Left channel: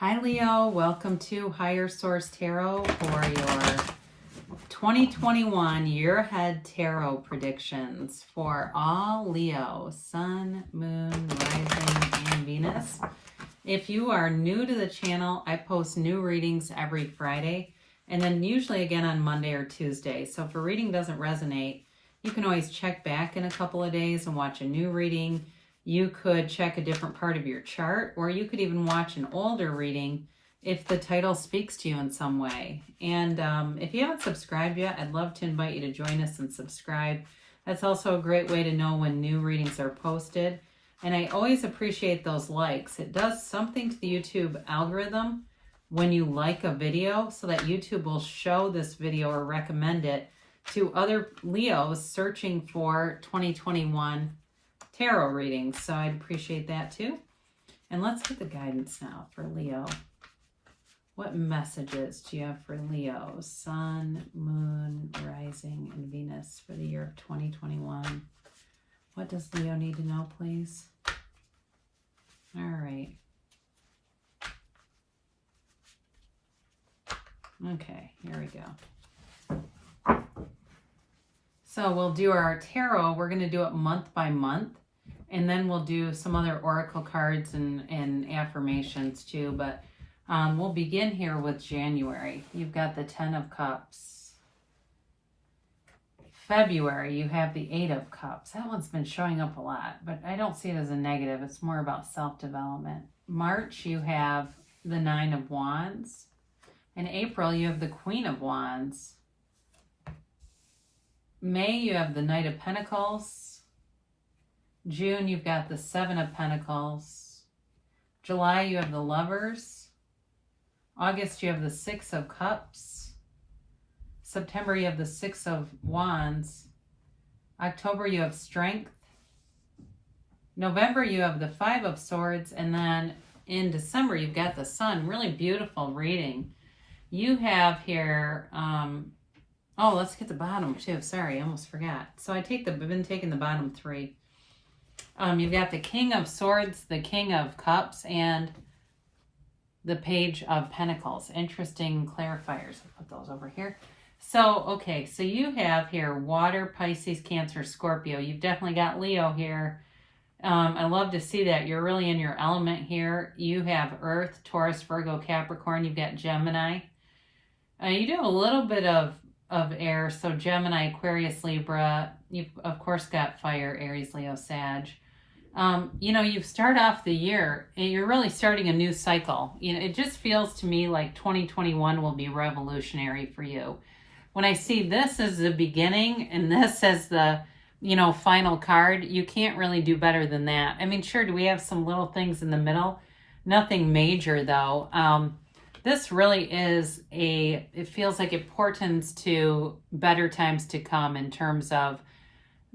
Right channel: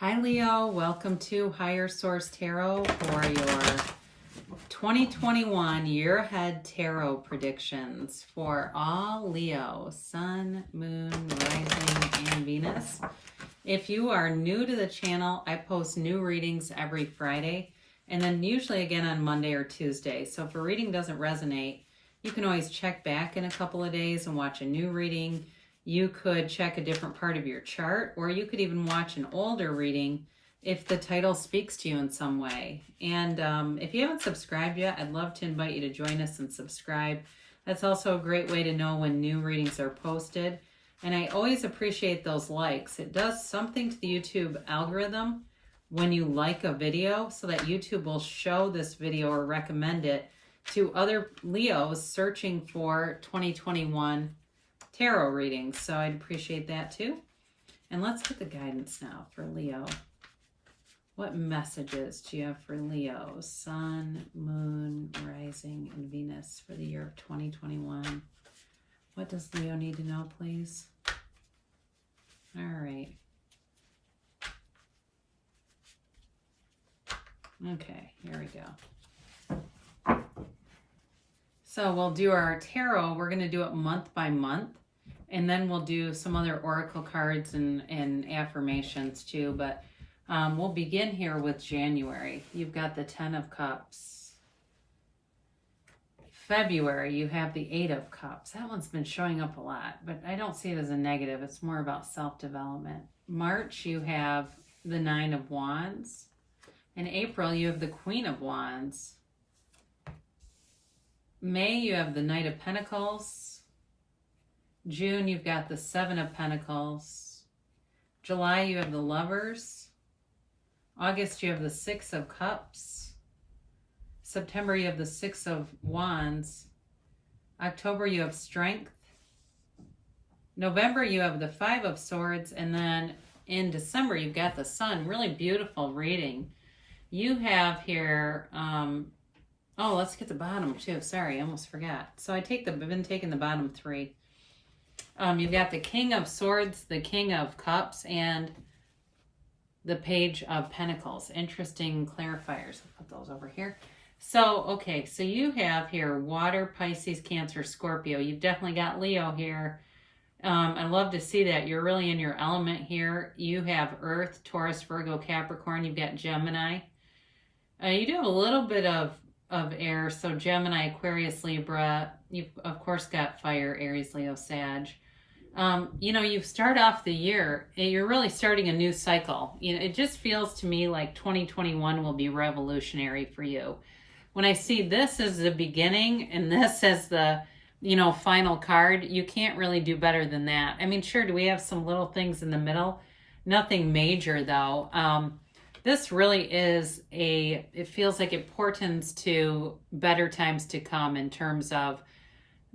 Hi Leo, welcome to Higher Source Tarot for your 2021 year ahead tarot predictions for all Leo, Sun, Moon, Rising, and Venus. If you are new to the channel, I post new readings every Friday and then usually again on Monday or Tuesday. So if a reading doesn't resonate, you can always check back in a couple of days and watch a new reading. You could check a different part of your chart, or you could even watch an older reading if the title speaks to you in some way. And if you haven't subscribed yet, I'd love to invite you to join us and subscribe. That's also a great way to know when new readings are posted. And I always appreciate those likes. It does something to the YouTube algorithm when you like a video, so that YouTube will show this video or recommend it to other Leos searching for 2021 tarot readings. So I'd appreciate that too. And let's get the guidance now for Leo. What messages do you have for Leo, Sun, Moon, Rising, and Venus for the year of 2021? What does Leo need to know, please? All right. Okay, here we go. So we'll do our tarot. We're going to do it month by month. And then we'll do some other oracle cards and affirmations too. But we'll begin here with January. You've got the 10 of Cups. February, you have the 8 of Cups. That one's been showing up a lot, but I don't see it as a negative. It's more about self-development. March, you have the 9 of Wands. In April, you have the Queen of Wands. May, you have the Knight of Pentacles. June, you've got the 7 of Pentacles. July, you have the Lovers. August, you have the 6 of Cups. September, you have the 6 of Wands. October, you have Strength. November, you have the 5 of Swords. And then in December, you've got the Sun. Really beautiful reading. You have here, oh, let's get the bottom too. Sorry, I almost forgot. So I've been taking the bottom 3. You've got the King of Swords, the King of Cups, and the Page of Pentacles. Interesting clarifiers. I'll put those over here. So, okay, so you have here Water, Pisces, Cancer, Scorpio. You've definitely got Leo here. I love to see that. You're really in your element here. You have Earth, Taurus, Virgo, Capricorn. You've got Gemini. You do have a little bit of air, so Gemini, Aquarius, Libra. You've, of course, got fire, Aries, Leo, Sag. You start off the year, and you're really starting a new cycle. It just feels to me like 2021 will be revolutionary for you. When I see this as the beginning and this as the, final card, you can't really do better than that. I mean, sure, do we have some little things in the middle? Nothing major, though. This really is it feels like it portends to better times to come in terms of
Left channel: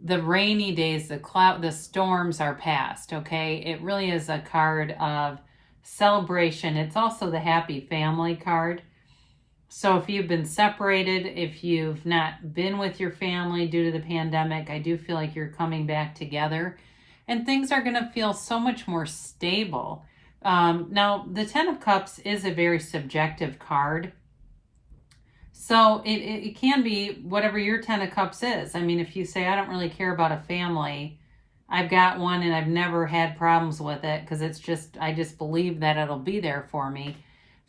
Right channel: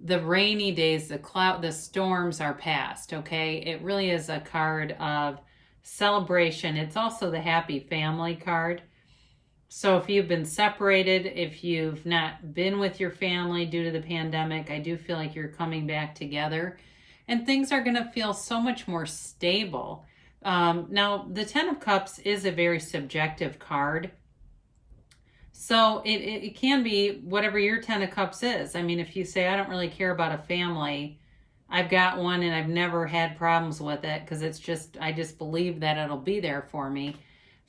the rainy days, the storms are past, okay? It really is a card of celebration. It's also the happy family card. So if you've been separated, if you've not been with your family due to the pandemic, I do feel like you're coming back together and things are going to feel so much more stable. Now, the 10 of Cups is a very subjective card. So it can be whatever your 10 of Cups is. I mean, if you say, I don't really care about a family, I've got one and I've never had problems with it because I just believe that it'll be there for me.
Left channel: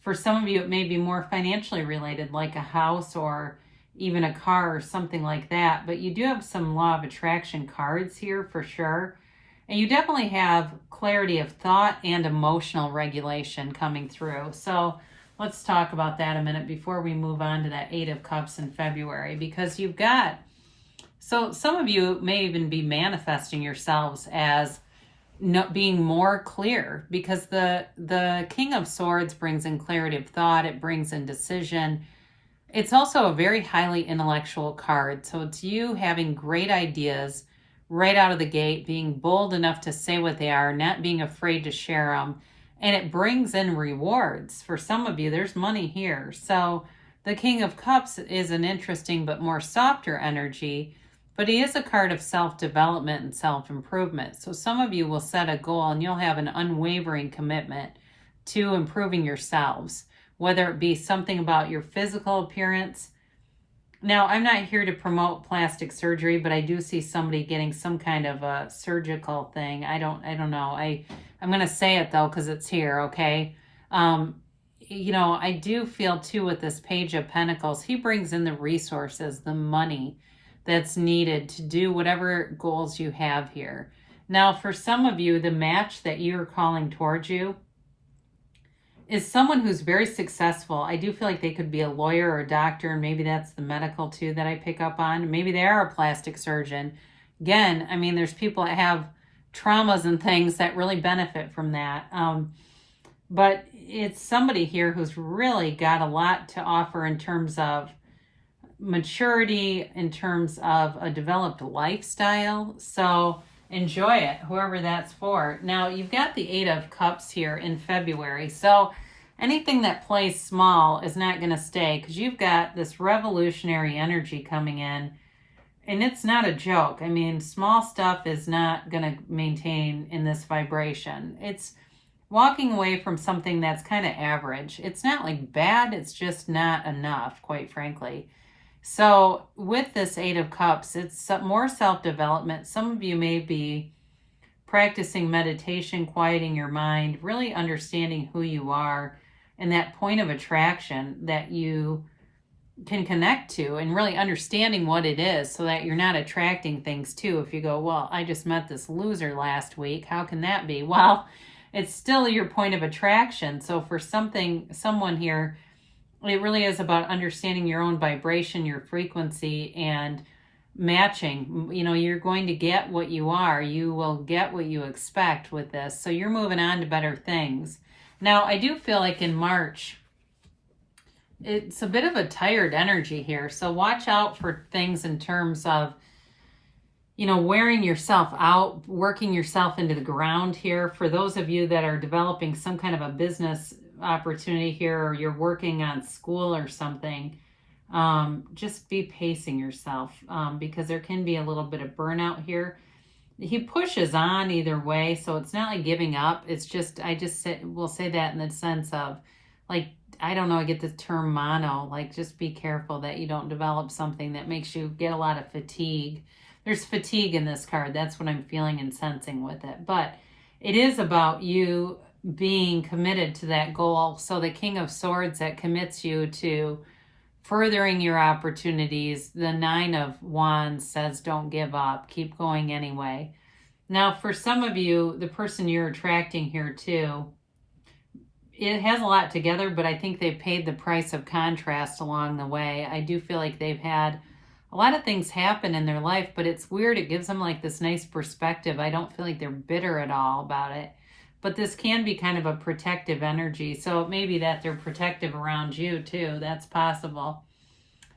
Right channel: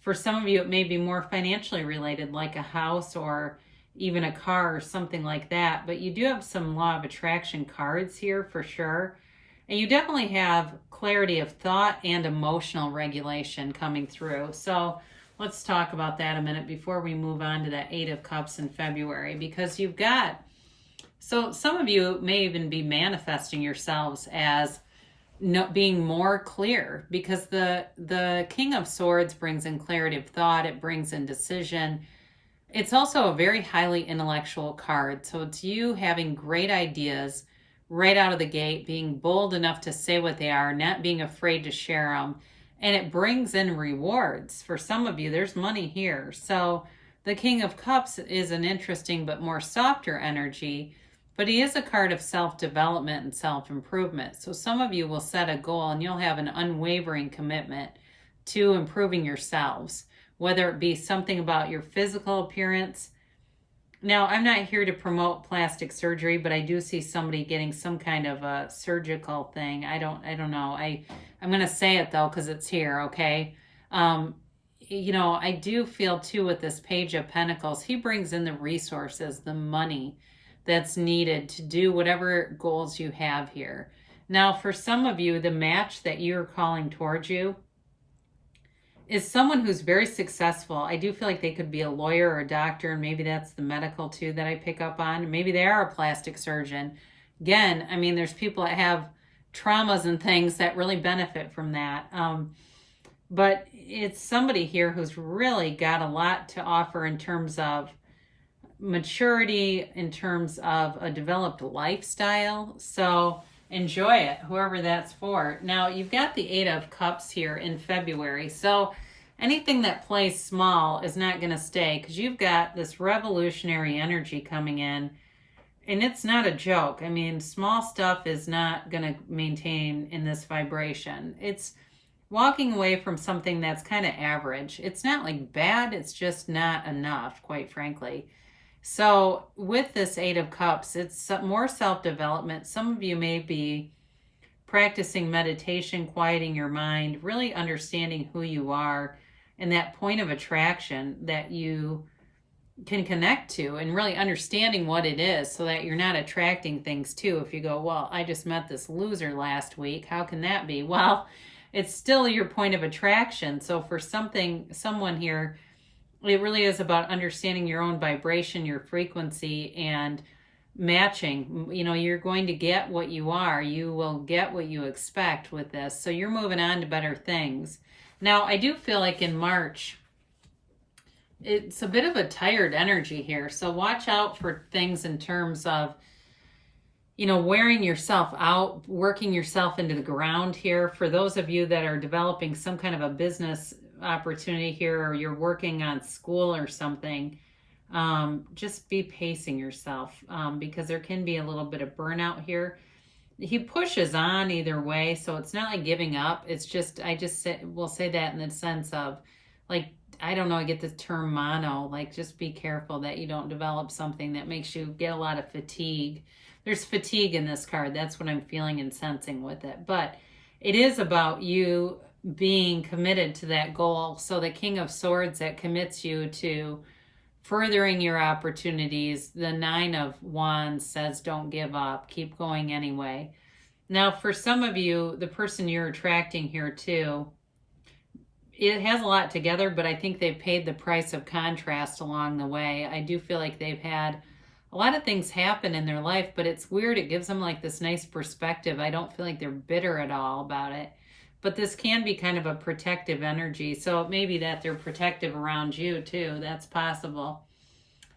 For some of you, it may be more financially related, like a house or even a car or something like that. But you do have some law of attraction cards here for sure. And you definitely have clarity of thought and emotional regulation coming through. So let's talk about that a minute before we move on to that 8 of Cups in February. Because so some of you may even be manifesting yourselves as being more clear. Because the King of Swords brings in clarity of thought. It brings in decision. It's also a very highly intellectual card. So it's you having great ideas right out of the gate, being bold enough to say what they are, not being afraid to share them. And it brings in rewards. For some of you, there's money here. So the King of Cups is an interesting but more softer energy, but he is a card of self-development and self-improvement. So some of you will set a goal and you'll have an unwavering commitment to improving yourselves, whether it be something about your physical appearance. Now, I'm not here to promote plastic surgery, but I do see somebody getting some kind of a surgical thing. I don't know. I'm going to say it though, because it's here. Okay. I do feel too with this Page of Pentacles, he brings in the resources, the money that's needed to do whatever goals you have here. Now, for some of you, the match that you're calling towards you is someone who's very successful. I do feel like they could be a lawyer or a doctor, and maybe that's the medical too that I pick up on. Maybe they are a plastic surgeon. Again, I mean, there's people that have traumas and things that really benefit from that. But it's somebody here who's really got a lot to offer in terms of maturity, in terms of a developed lifestyle. So enjoy it, whoever that's for. Now, you've got the 8 of Cups here in February. So anything that plays small is not going to stay, because you've got this revolutionary energy coming in. And it's not a joke. I mean, small stuff is not going to maintain in this vibration. It's walking away from something that's kind of average. It's not like bad, it's just not enough, quite frankly. So with this 8 of Cups, it's more self-development. Some of you may be practicing meditation, quieting your mind, really understanding who you are and that point of attraction that you can connect to, and really understanding what it is so that you're not attracting things too. If you go, well, I just met this loser last week, how can that be? Well, it's still your point of attraction. So for someone here, it really is about understanding your own vibration, your frequency, and matching. You're going to get what you are. You will get what you expect with this. So you're moving on to better things. Now, I do feel like in March, it's a bit of a tired energy here. So watch out for things in terms of, wearing yourself out, working yourself into the ground here. For those of you that are developing some kind of a business opportunity here, or you're working on school or something, just be pacing yourself, because there can be a little bit of burnout here. He pushes on either way, so it's not like giving up. It's just, we'll say that in the sense of, like, I don't know, I get the term mono, like just be careful that you don't develop something that makes you get a lot of fatigue. There's fatigue in this card. That's what I'm feeling and sensing with it. But it is about you being committed to that goal. So the King of Swords, that commits you to furthering your opportunities. The 9 of Wands says don't give up. Keep going anyway. Now, for some of you, the person you're attracting here too, it has a lot together, but I think they've paid the price of contrast along the way. I do feel like they've had a lot of things happen in their life, but it's weird. It gives them like this nice perspective. I don't feel like they're bitter at all about it. But this can be kind of a protective energy. So it may be that they're protective around you too. That's possible.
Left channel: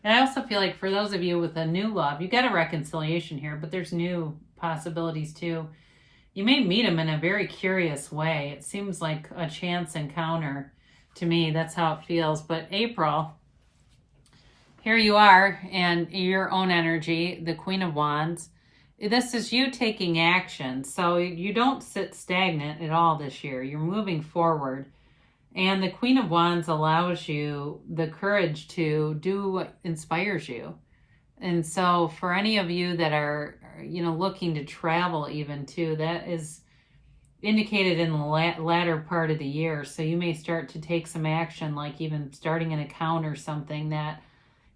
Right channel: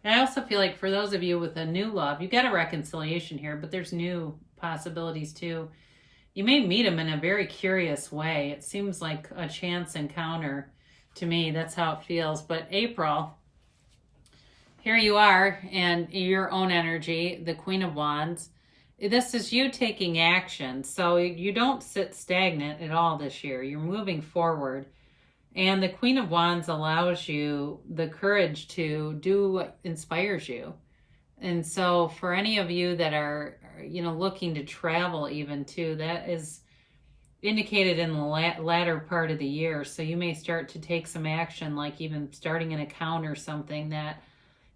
And I also feel like for those of you with a new love, you got a reconciliation here, but there's new possibilities too. You may meet them in a very curious way. It seems like a chance encounter to me. That's how it feels. But April, here you are, and your own energy, the Queen of Wands. This is you taking action. So you don't sit stagnant at all this year. You're moving forward. And the Queen of Wands allows you the courage to do what inspires you. And so for any of you that are, looking to travel even too, that is indicated in the latter part of the year. So you may start to take some action, like even starting an account or something that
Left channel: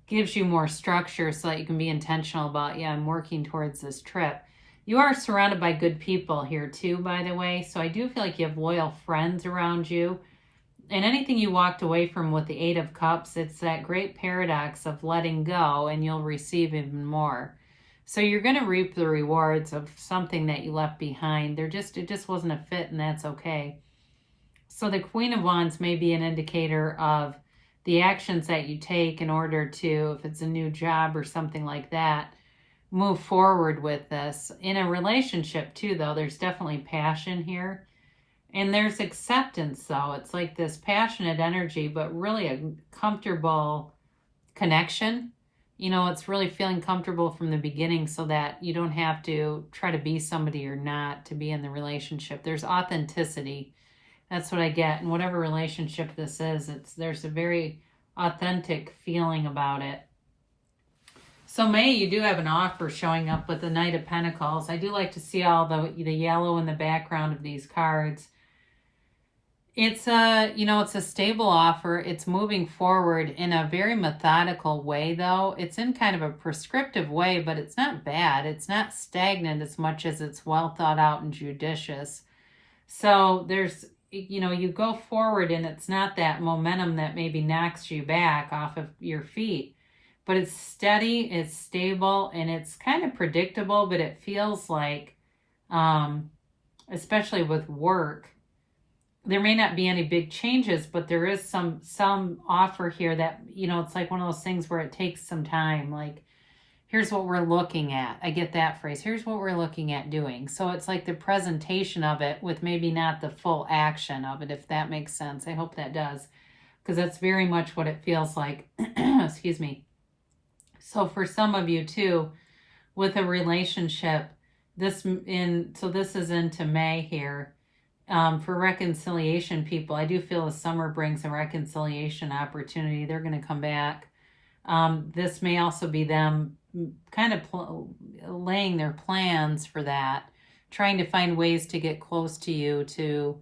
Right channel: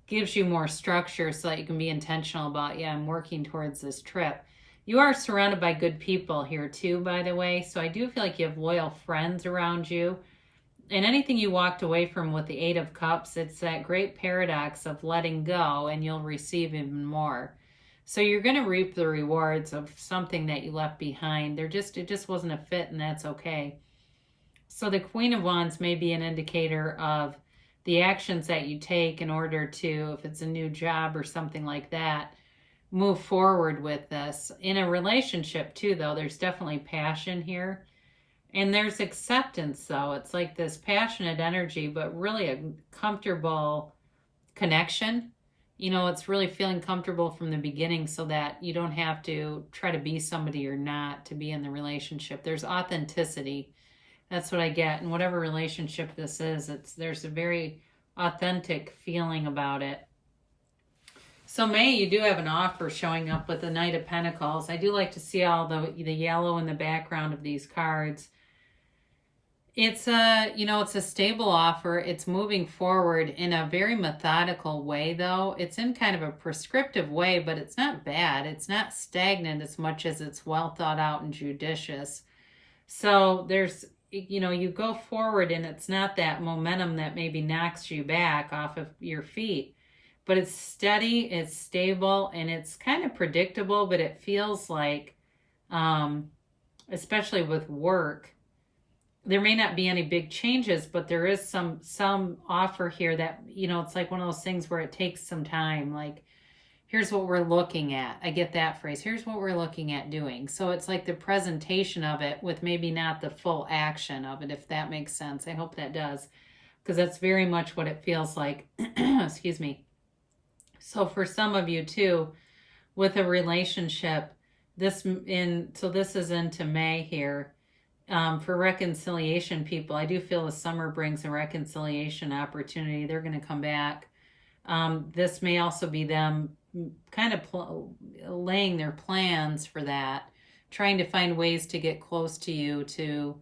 gives you more structure so that you can be intentional about, I'm working towards this trip. You are surrounded by good people here too, by the way. So I do feel like you have loyal friends around you. And anything you walked away from with the 8 of Cups, it's that great paradox of letting go and you'll receive even more. So you're going to reap the rewards of something that you left behind. It just wasn't a fit, and that's okay. So the Queen of Wands may be an indicator of the actions that you take in order to, if it's a new job or something like that, move forward with this. In a relationship too, though, there's definitely passion here. And there's acceptance, though. It's like this passionate energy, but really a comfortable connection. It's really feeling comfortable from the beginning so that you don't have to try to be somebody you're not to be in the relationship. There's authenticity. That's what I get. And whatever relationship this is, there's a very authentic feeling about it. So May, you do have an offer showing up with the Knight of Pentacles. I do like to see all the yellow in the background of these cards. It's it's a stable offer. It's moving forward in a very methodical way, though. It's in kind of a prescriptive way, but it's not bad. It's not stagnant as much as it's well thought out and judicious. So there's, you go forward and it's not that momentum that maybe knocks you back off of your feet, but it's steady, it's stable, and it's kind of predictable, but it feels like, especially with work, there may not be any big changes, but there is some offer here that, it's like one of those things where it takes some time. Like, here's what we're looking at. I get that phrase. Here's what we're looking at doing. So it's like the presentation of it with maybe not the full action of it, if that makes sense. I hope that does, because that's very much what it feels like. Excuse me. So for some of you too, with a relationship, this is into May here. For reconciliation people, I do feel the summer brings a reconciliation opportunity. They're going to come back. This may also be them kind of laying their plans for that, trying to find ways to get close to you to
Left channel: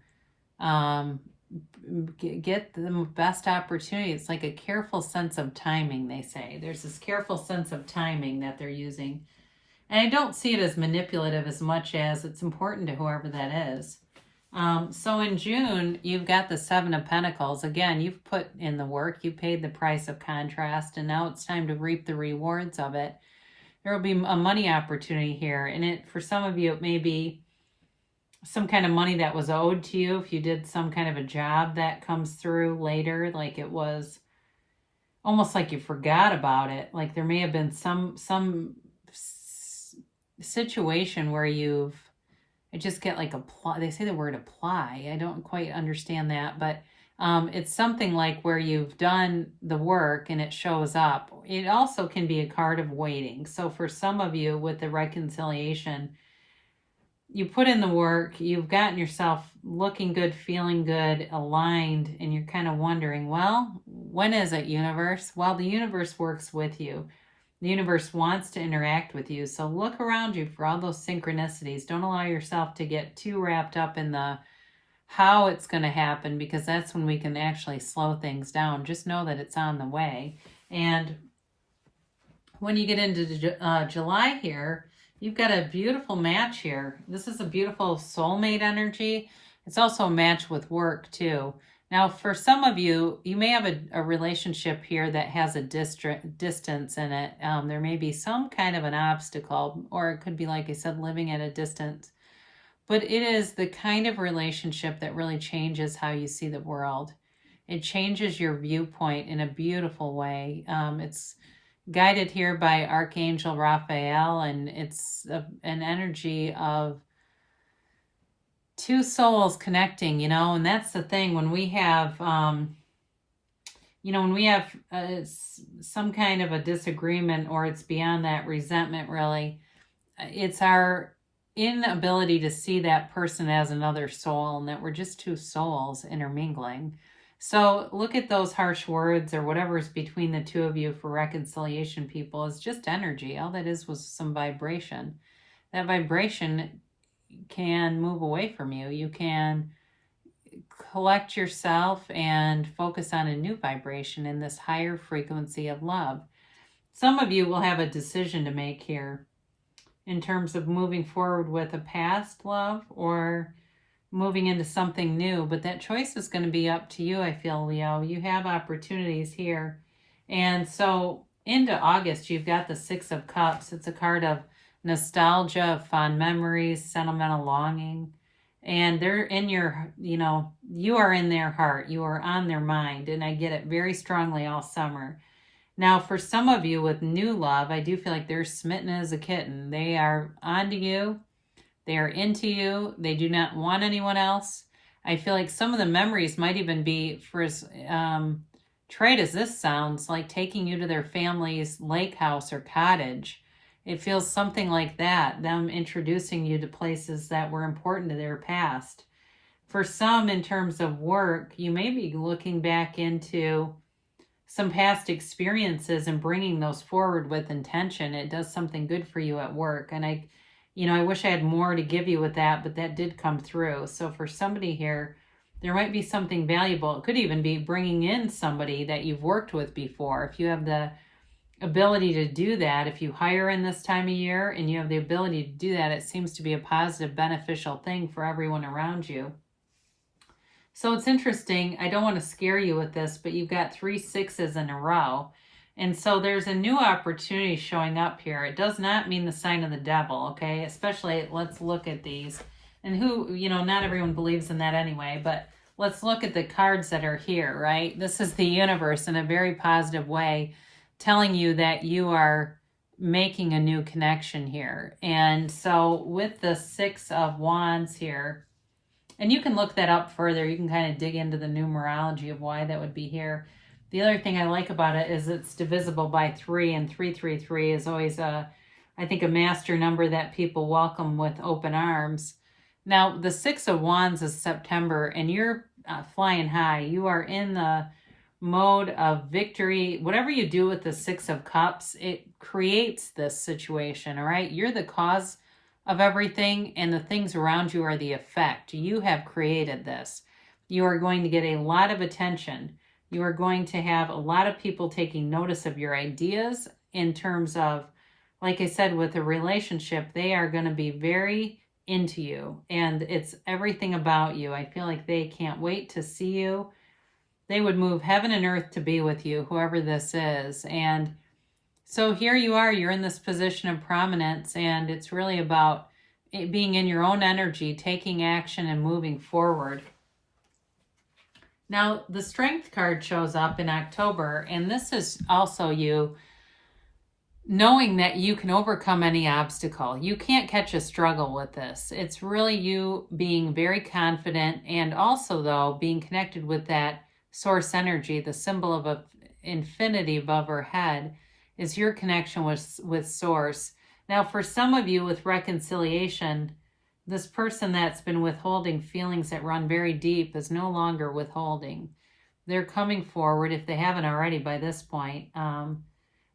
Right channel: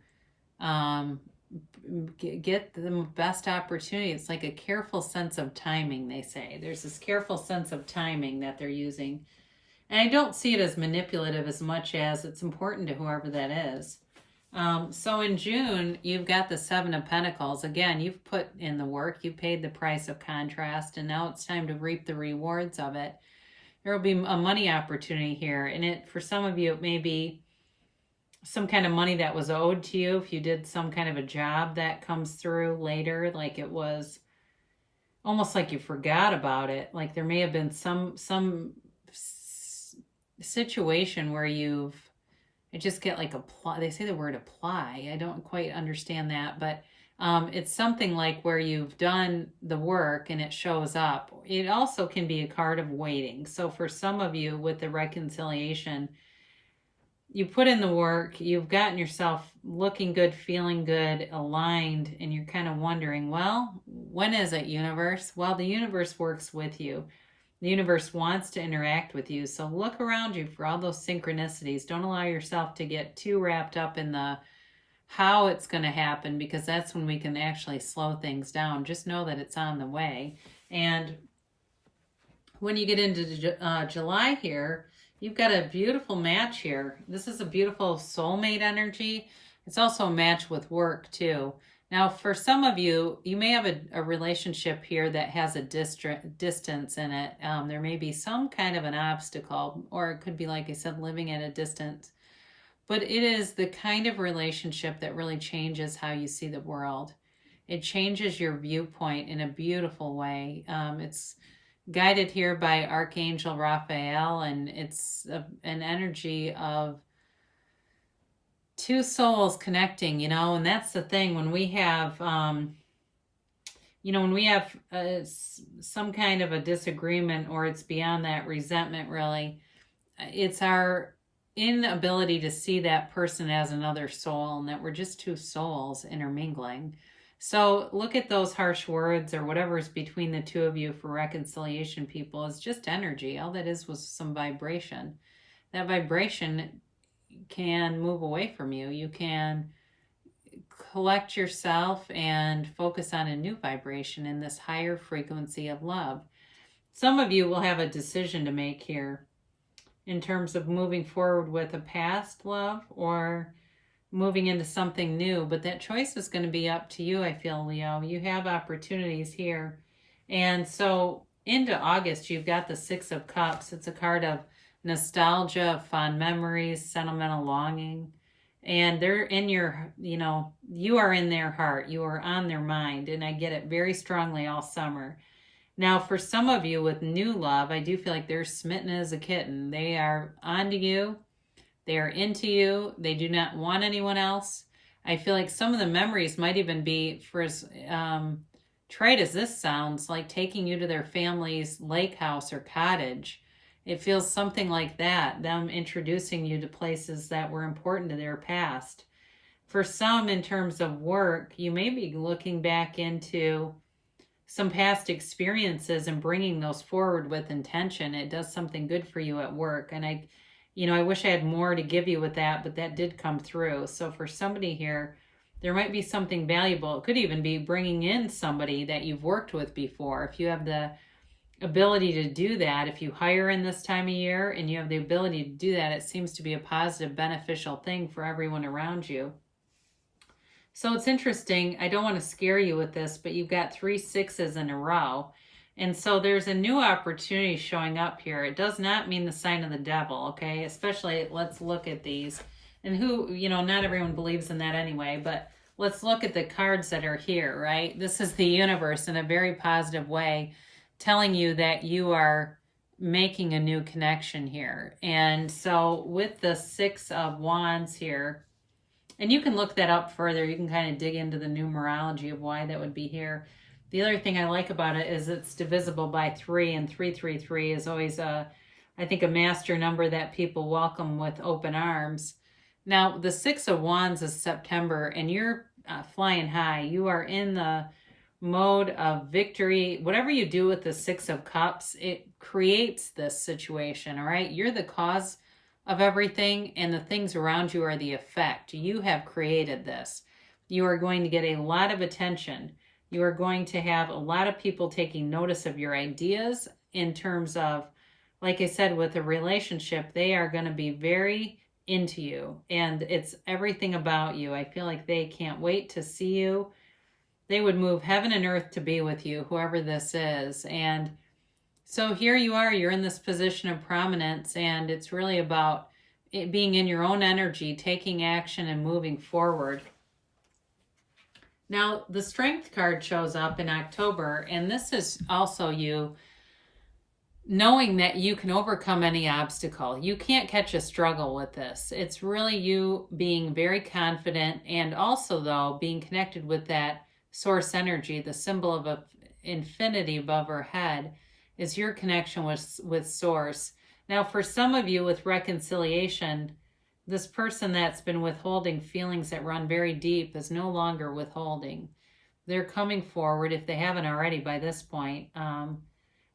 get the best opportunity. It's like a careful sense of timing, they say. There's this careful sense of timing that they're using. And I don't see it as manipulative as much as it's important to whoever that is. So in June, you've got the Seven of Pentacles. Again, you've put in the work, you paid the price of contrast, and now it's time to reap the rewards of it. There will be a money opportunity here, and for some of you, it may be some kind of money that was owed to you if you did some kind of a job that comes through later, like it was almost like you forgot about it. Like there may have been some situation where I just get like they say the word apply. I don't quite understand that, but it's something like where you've done the work and it shows up. It also can be a card of waiting. So for some of you with the reconciliation, you put in the work, you've gotten yourself looking good, feeling good, aligned, and you're kind of wondering, well, when is it, universe? Well, the universe works with you. The universe wants to interact with you. So look around you for all those synchronicities. Don't allow yourself to get too wrapped up in the how it's going to happen, because that's when we can actually slow things down. Just know that it's on the way. And when you get into July here, you've got a beautiful match here. This is a beautiful soulmate energy. It's also a match with work too. Now, for some of you, you may have a relationship here that has a distance in it. There may be some kind of an obstacle, or it could be, like I said, living at a distance. But it is the kind of relationship that really changes how you see the world. It changes your viewpoint in a beautiful way. It's guided here by Archangel Raphael, and it's an energy of two souls connecting, and that's the thing. When we have, when we have some kind of a disagreement, or it's beyond that resentment, really, it's our inability to see that person as another soul, and that we're just two souls intermingling. So look at those harsh words or whatever's between the two of you for reconciliation, people, is just energy. All that is was some vibration. That vibration can move away from you. You can collect yourself and focus on a new vibration in this higher frequency of love. Some of you will have a decision to make here in terms of moving forward with a past love or moving into something new, but that choice is going to be up to you, I feel, Leo. You have opportunities here. And so into August, you've got the Six of Cups. It's a card of nostalgia, fond memories, sentimental longing. And they're in your, you are in their heart. You are on their mind. And I get it very strongly all summer. Now, for some of you with new love, I do feel like they're smitten as a kitten. They are onto you. They are into you. They do not want anyone else. I feel like some of the memories might even be, for as trite as this sounds, like taking you to their family's lake house or cottage. It feels something like that, them introducing you to places that were important to their past. For some, in terms of work, you may be looking back into some past experiences and bringing those forward with intention. It does something good for you at work. And I wish I had more to give you with that, but that did come through. So for somebody here, there might be something valuable. It could even be bringing in somebody that you've worked with before. If you have the ability to do that, if you hire in this time of year and you have the ability to do that, it seems to be a positive, beneficial thing for everyone around you. So it's interesting. I don't want to scare you with this, but you've got 3 6s in a row. And so there's a new opportunity showing up here. It does not mean the sign of the devil, okay? Especially, let's look at these. And not everyone believes in that anyway, but let's look at the cards that are here, right? This is the universe in a very positive way, telling you that you are making a new connection here. And so with the 6 of Wands here, and you can look that up further. You can kind of dig into the numerology of why that would be here. The other thing I like about it is it's divisible by 3, and 333 is always I think a master number that people welcome with open arms. Now, the 6 of Wands is September, and you're flying high. You are in the mode of victory. Whatever you do with the 6 of Cups, it creates this situation, all right? You're the cause of everything, and the things around you are the effect. You have created this. You are going to get a lot of attention. You are going to have a lot of people taking notice of your ideas in terms of, like I said, with a relationship, they are going to be very into you, and it's everything about you. I feel like they can't wait to see you. They would move heaven and earth to be with you, whoever this is. And so here you are, you're in this position of prominence, and it's really about it being in your own energy, taking action and moving forward. Now, the Strength card shows up in October, and this is also you knowing that you can overcome any obstacle. You can't catch a struggle with this. It's really you being very confident, and also, though, being connected with that source energy, the symbol of infinity above her head, is your connection with source. Now, for some of you with reconciliation, this person that's been withholding feelings that run very deep is no longer withholding. They're coming forward, if they haven't already by this point,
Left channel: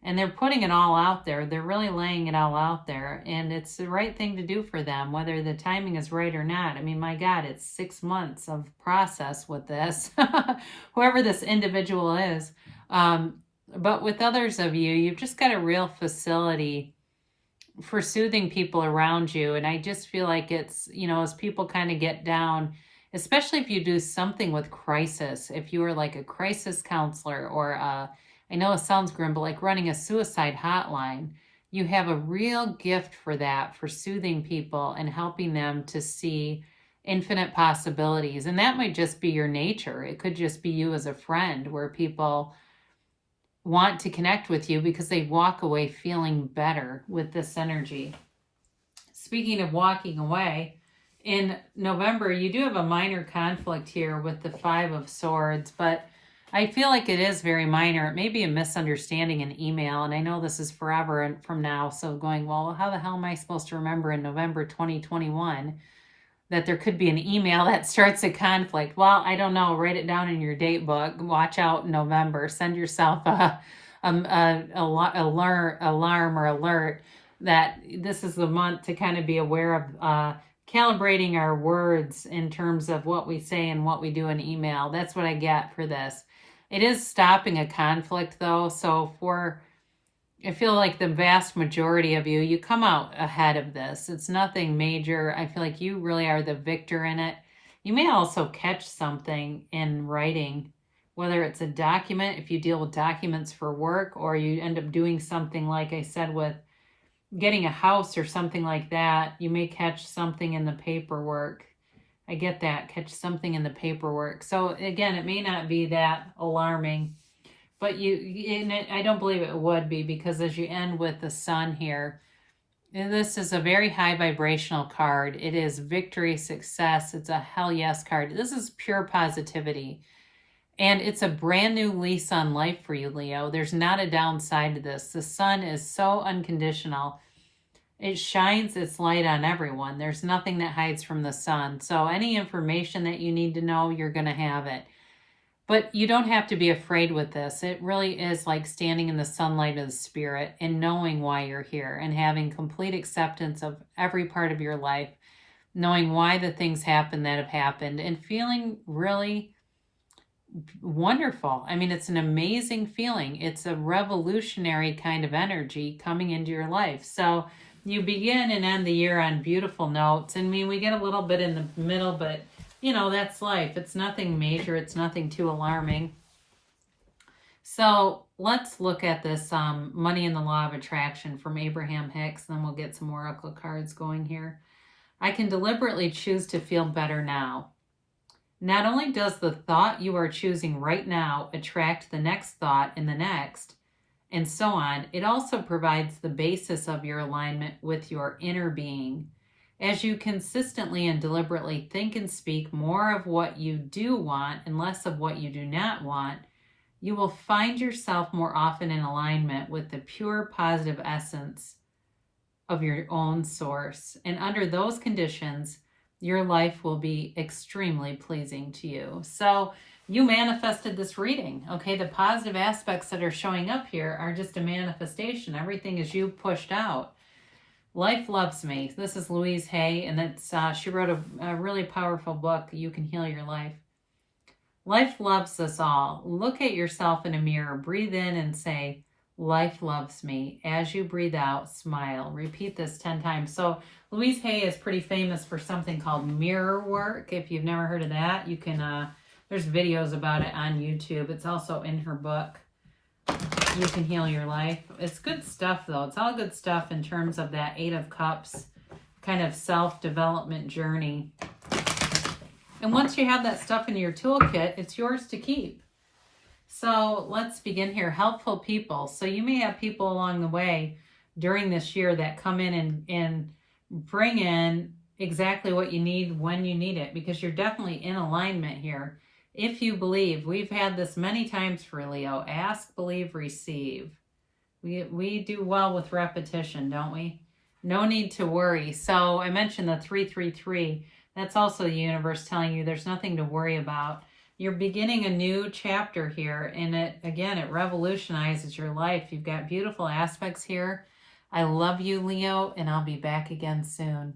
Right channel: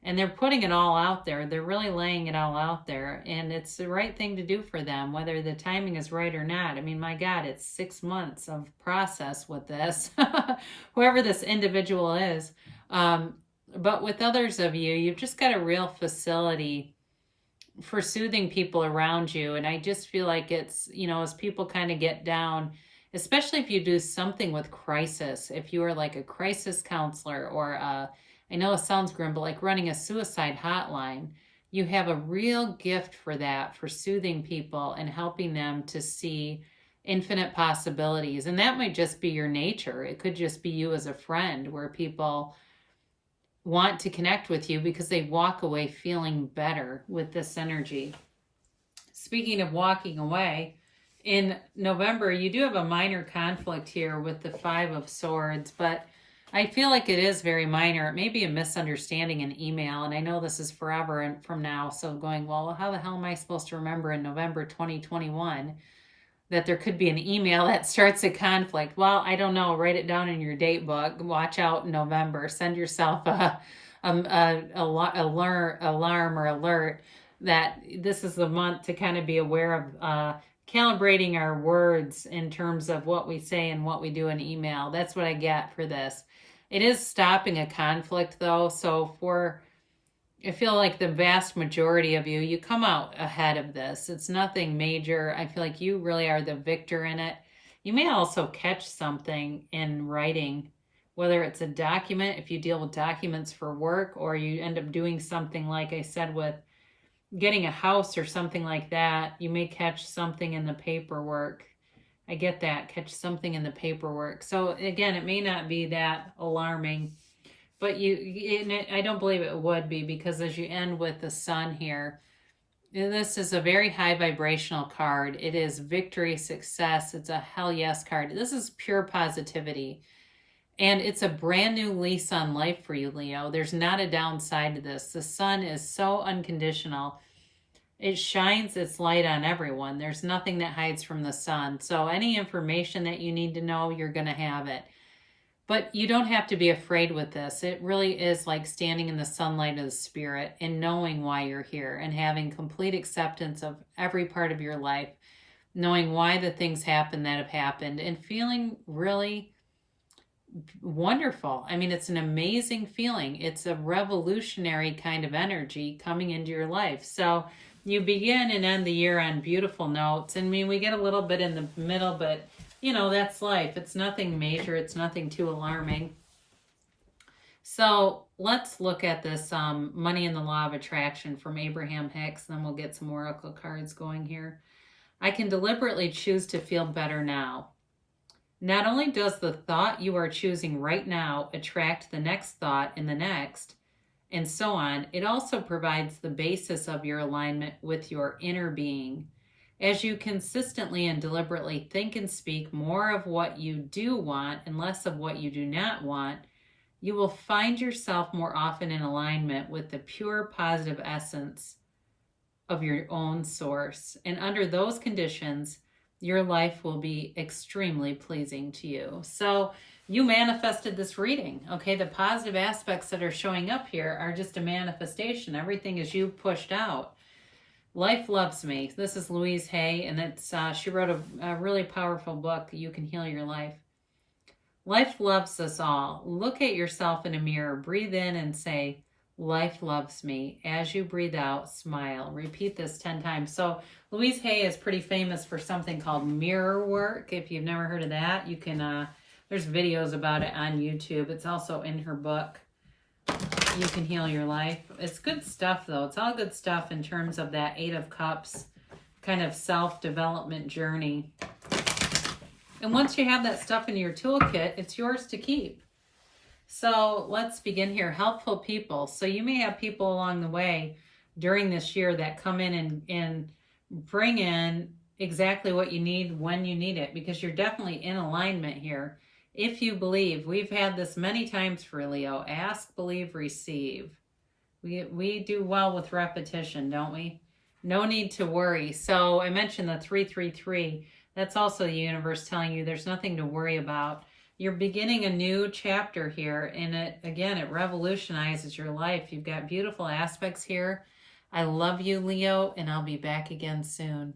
and they're putting it all out there. They're really laying it all out there, and it's the right thing to do for them, whether the timing is right or not. I mean, my God, it's 6 months of process with this, whoever this individual is. But with others of you, you've just got a real facility for soothing people around you. And I just feel like it's, as people kind of get down, especially if you do something with crisis, if you are like a crisis counselor, or I know it sounds grim, but like running a suicide hotline, you have a real gift for that, for soothing people and helping them to see infinite possibilities. And that might just be your nature. It could just be you as a friend, where people want to connect with you because they walk away feeling better with this energy. Speaking of walking away, in November, you do have a minor conflict here with the 5 of Swords, but I feel like it is very minor. It may be a misunderstanding in email, and I know this is forever from now, so going, well, how the hell am I supposed to remember in November 2021 that there could be an email that starts a conflict? Well, I don't know. Write it down in your date book. Watch out in November. Send yourself a alarm or alert that this is the month to kind of be aware of calibrating our words in terms of what we say and what we do in email. That's what I get for this. It is stopping a conflict, though. So I feel like the vast majority of you come out ahead of this. It's nothing major. I feel like you really are the victor in it. You may also catch something in writing, whether it's a document, if you deal with documents for work, or you end up doing something like I said with getting a house or something like that. You may catch something in the paperwork. I get that, catch something in the paperwork. So again, it may not be that alarming, but I don't believe it would be, because as you end with the Sun here, this is a very high vibrational card. It is victory, success. It's a hell yes card. This is pure positivity. And it's a brand new lease on life for you, Leo. There's not a downside to this. The Sun is so unconditional. It shines its light on everyone. There's nothing that hides from the sun. So any information that you need to know, you're going to have it. But you don't have to be afraid with this. It really is like standing in the sunlight of the spirit and knowing why you're here and having complete acceptance of every part of your life, knowing why the things happen that have happened, and feeling really wonderful. I mean, it's an amazing feeling. It's a revolutionary kind of energy coming into your life. So you begin and end the year on beautiful notes. I mean, we get a little bit in the middle, but you know, that's life. It's nothing major. It's nothing too alarming. So let's look at this Money and the Law of Attraction from Abraham Hicks. Then we'll get some oracle cards going here. I can deliberately choose to feel better now. Not only does the thought you are choosing right now attract the next thought and the next, and so on, it also provides the basis of your alignment with your inner being. As you consistently and deliberately think and speak more of what you do want and less of what you do not want, you will find yourself more often in alignment with the pure positive essence of your own source. And under those conditions, your life will be extremely pleasing to you. So you manifested this reading, okay? The positive aspects that are showing up here are just a manifestation. Everything is you pushed out. Life Loves Me. This is Louise Hay, and it's she wrote a really powerful book, You Can Heal Your Life. Life loves us all. Look at yourself in a mirror. Breathe in and say, life loves me. As you breathe out, smile. Repeat this 10 times. So Louise Hay is pretty famous for something called mirror work. If you've never heard of that, you can, there's videos about it on YouTube. It's also in her book, You Can Heal Your Life. It's good stuff, though. It's all good stuff in terms of that 8 of Cups kind of self-development journey. And once you have that stuff in your toolkit, it's yours to keep. So let's begin here. Helpful people. So you may have people along the way during this year that come in and bring in exactly what you need when you need it, because you're definitely in alignment here. If you believe, we've had this many times for Leo, ask, believe, receive. We do well with repetition, don't we? No need to worry. So I mentioned the 333. That's also the universe telling you there's nothing to worry about. You're beginning a new chapter here, and it revolutionizes your life. You've got beautiful aspects here. I love you, Leo, and I'll be back again soon.